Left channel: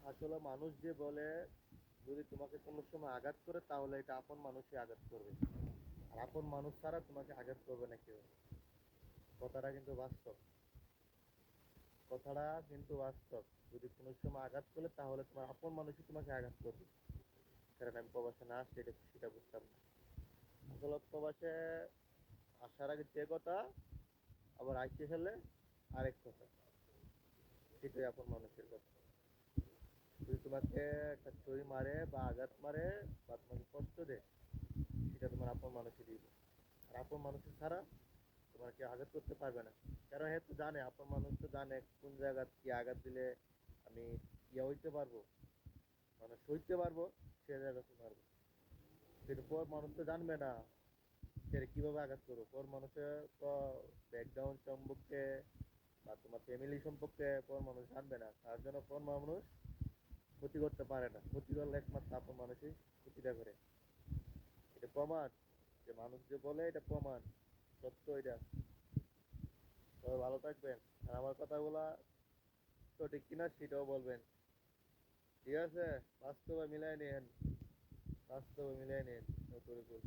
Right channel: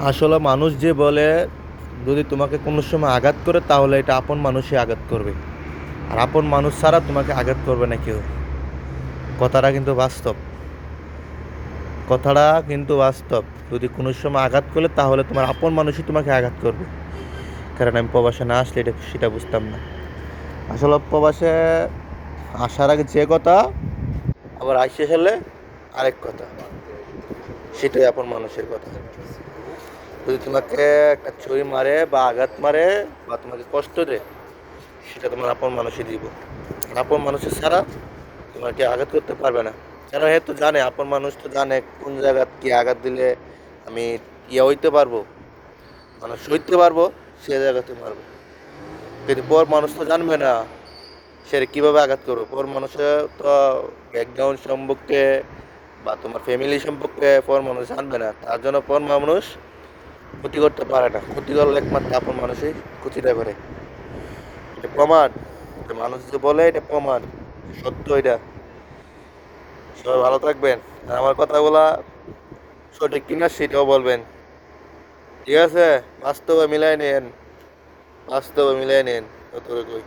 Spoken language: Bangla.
আসলে মানুষ যে বলে যদি তোমাকে কোনো সময় আঘাত করে তাহলে এটা আপন মানুষই আঘাত করবে। আর আপন মানুষ ছাড়া তোমাকে আঘাত করবে না কেউ। কথাটা কিন্তু বাস্তব। কথাটা কিন্তু বাস্তব। যদি কোনো সময় আঘাত করলে তাহলে তোমার আপন মানুষই তোমাকে আঘাত করবে। কারণ আমি প্রবাসে না আসলে সেটা বুঝতাম না। আসলে প্রবাসে আসার আগে যে কথা আবার আইসে হলে আরেক কথা। সেটাই আপন মানুষের কথা। যদি তোমাকে একটা ছুরি মারে বা আঘাত মারে বা তোমাকে কষ্ট দেয় সেটা তোমার আপন মানুষই দিব। আর আপন মানুষের ছাড়া তোমাকে আঘাত করতে পারবে না। কারণ হে তো জানে, আপন মানুষ তো জানে কোন জায়গায় কি আঘাত দিলে আমি হইতে পারবো, মানে সইতে পারবো, সে জায়গাতে মারবো। কিন্তু পর মানুষ তো জানবে না সে কিভাবে আঘাত করবো। পর মানুষের তো ব্যাকগ্রাউন্ড সম্পর্কে বা তোমার ফ্যামিলি সম্পর্কে পর মানুষ জানবে না, তার জন্য পর মানুষ ক্ষতি করতে পারে না। ক্ষতি করলে একমাত্র আপন মানুষই ক্ষতিটা করে। এটা প্রমাণ। এটা মানুষ যে বলে এটা প্রমাণ, সত্য এটা। সবাই ভালো থাকবেন। আর আমার কথাগুলা সঠিক কিনা সেটাও বলবেন। ঠিক আছে? বাস্তবে মিলাই নেন, বাস্তবে মিলাই নেন, যতটুকুই।